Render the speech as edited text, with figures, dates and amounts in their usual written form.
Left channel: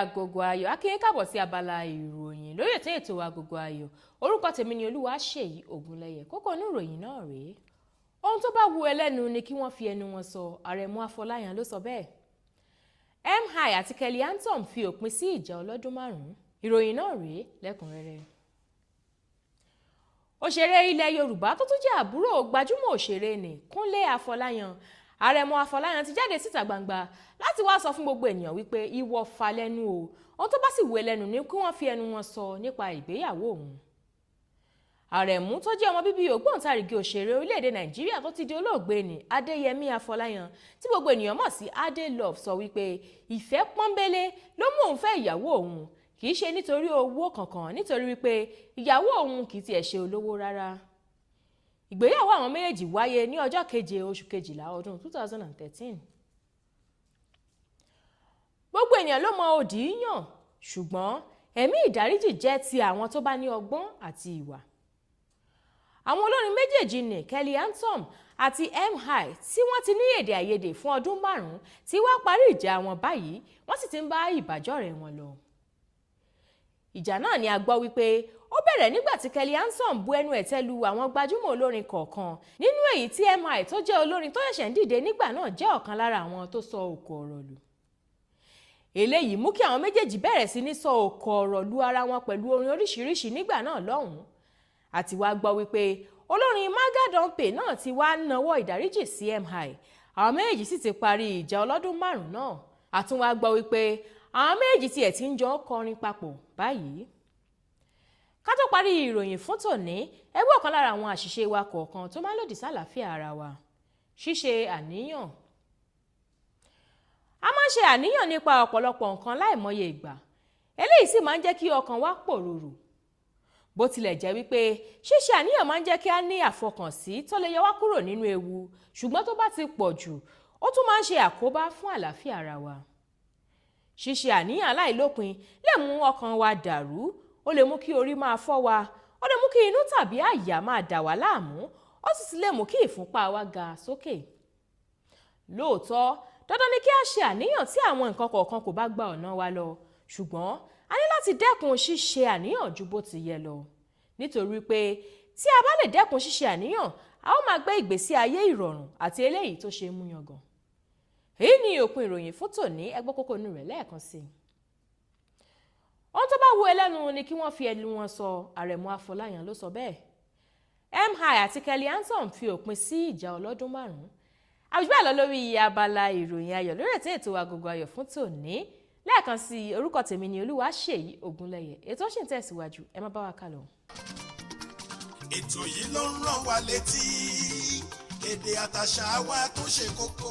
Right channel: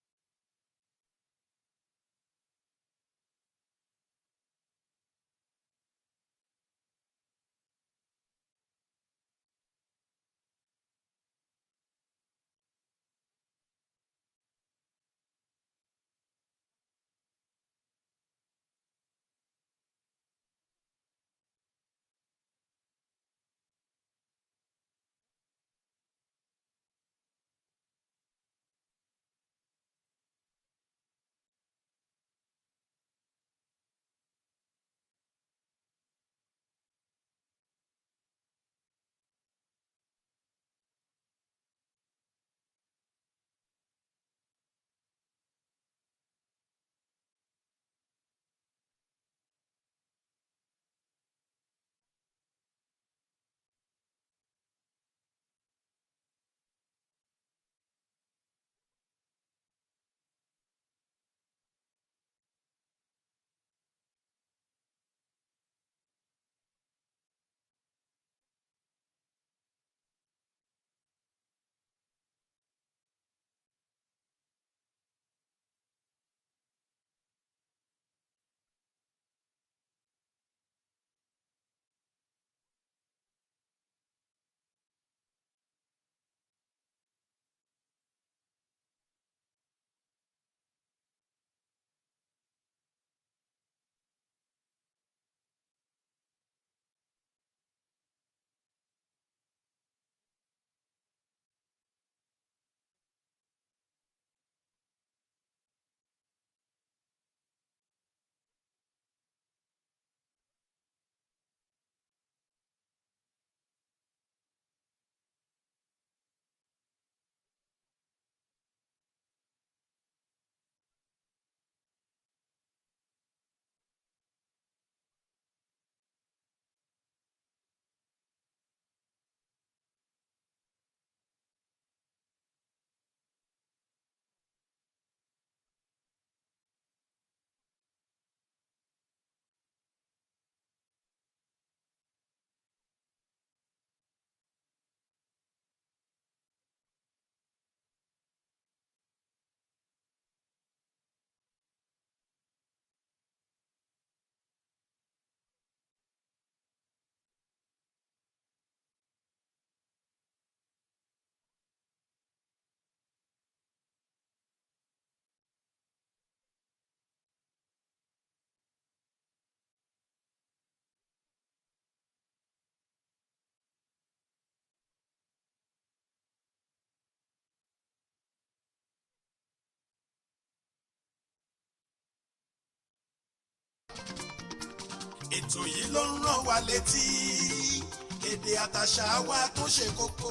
Agogo Ayọ̀ akínyìn káàbọ̀ sí abala ìròyìn lórí ètò Agogo Ayọ̀. Orúkọ tèmi ni Olúwaṣèyí Ògúnlẹyẹ. Kókó inú ìròyìn náà rèé. Ohun tó bá wu ẹlẹ́nu ni kí wọ́n fi ẹnu wọn sọ. Àrẹ̀mú Afọláyan ló sọ bẹ́ẹ̀. MI àti Kelly Antom fi òpin sí ìjà ọlọ́dún 5. Ìròyìn náà rèé lẹ́kùnrẹ́rẹ́. Òṣèré ilẹ̀ Yorùbá tó tún jẹ́ àbúrò gbajúmọ̀ òṣèré ni Kúnlé Afọláyan. Àrẹ̀mú Afọláyan ti jáde síta gbangba láti wá sọ fún gbogbo ènìyàn wípé ìwọ fà lẹ́nu o. Ohun tó bá sì wù ẹlẹ́nu ni kí wọ́n fi ẹnu wọn sọ nípa ìgbéyàwó òun. Àrẹ̀mú tó jẹ́ ọmọ bíbí ògbóǹtarìgì òṣèré orílẹ̀-èdè Nàìjíríà tó ti di olóògbé ni Adéyẹmí Afọláyan tí gbogbo ènìyàn mọ̀ sí Adé Love sọ wípé ìfẹ́ pọ́nbélé ló mú òun fẹ́ ìyàwó òun, kì í ṣe nítorí owó kankan, nítorí wípé ìyàwó òun kì í tiẹ̀ ṣe olówó rárá. Ìgbéyàwó àwọn méjèèjì wáyé ní ọjọ́ 7 oṣù kejìlá ọdún 2013. Gbogbo ènìyàn ló mọ òdì yàn, ṣùgbọ́n ẹ̀mí ìdáríjì jẹ́ ti àwọn tó bá ní ọgbọ́n àti ìwà. Àwọn olórin méjèèjì ní Kelly Antom àti MI tí wọ́n ti ní èdè àìyedè fún ọdún 5 tí wá parí ìjà wọn báyìí, wọ́n sì ti ń bá ìbájọ́rẹ́ wọn lọ. Ìjà náà ni a gbọ́ wípé ó bẹ̀rẹ̀ nígbà tí Kelly Antom bu ẹnu ẹ̀tẹ́ lu àwọn gbajúmọ̀ olórin kọ̀ọ̀kan, nínú èyí tí MI tó jẹ́ olórin tó ṣẹ̀ṣẹ̀ ń dìde nígbà náà jẹ́ ọ̀kan lára àwọn tó sọ òkò ọ̀rọ̀ lù. Eléyìí mú kí àwọn méjèèjì bẹ̀rẹ̀ sí ní sọ òkò ọ̀rọ̀ lu ara wọn pẹ̀lú orin oríṣiríṣi nígbà náà lọ́hùn-ún. Àti wá gbọ́ wípé olórin Maga Dompe náà ti wá nawọ́ ìdáríjì sí MI. Àwọn méjèèjì sì ti parí ìjà ọlọ́dún 5 náà. Àtún wá gbọ́ wípé àwọn méjèèjì tiẹ̀ ti ń jọ kọrin papọ̀ báyìí. Ká tó parí ìròyìn fún tòní, ẹ gbọ́ ọ̀kan lára àwọn àṣìṣe wa kọ̀ọ̀kan tó máa ń lòdì sálàáfíà ara wa. Ṣíṣe àníyàn. A máa ń ṣe àníyàn nípa ọ̀pọ̀lọpọ̀ nǹkan láìmọye ìgbà. Eléyìí sì máa ń jẹ́ kí ọkàn wa pòrúurú. Bó tilẹ̀ jẹ́ wípé ṣíṣe àníyàn máa ń jẹ́ kí a ní àfọkànsí tó lè yọ wá kúrò nínú ewu, ṣùgbọ́n tó bá ti pọ̀ jù, ó tún máa ń ṣe àkóbá fún àlàáfíà ara wa. Ṣíṣe àníyàn aláìlópin lè mú ọkàn wa dàrú, ó lè mú kí orí máa fọ́ wa, ó lè mú kí inú tàbí àyà máa dà wá láàmú, ó sì lè mú kí ìfúnpá wa ga sókè. Lóòótọ́, dandan ni kí a ṣe àníyàn tí àwọn nǹkan kọ̀ọ̀kan kò bá gba ọ̀nà wa lọ, ṣùgbọ́n a ní láti dẹ́kun ṣíṣe àníyàn ju bó ti yẹ lọ. Nítorí pé tí a bá lè dẹ́kun ṣíṣe àníyàn, a ó máa gbé ìgbésí ayé ìrọ̀rùn àti eléyìí tó ṣe é mú yangàn. Èyí ni òpin ìròyìn fún tòní, ẹ gbọ́ kókó inú rẹ̀ lẹ́ẹ̀kan sí i. Ohun tó bá wu ẹlẹ́nu ni kí wọ́n fi ẹnu wọn sọ. Àrẹ̀mú Afọláyan ló sọ bẹ́ẹ̀. MI àti Kelly Antom fi òpin sí ìjà ọlọ́dún 5. Àbíbá lọ lórí abala ìròyìn ayọ̀ lórí ètò Agogo Ayọ̀ fún tòní. Lẹ́ẹ̀kan sí i, orúkọ tèmi ni Olúwaṣèyí Ògúnlẹyẹ. Ètò ṣì ń tẹ̀síwájú, ẹ má bá wa kálọ. Ètò yìí ló ń rán wa létí èdè àtàṣà wa tó ṣe kókó.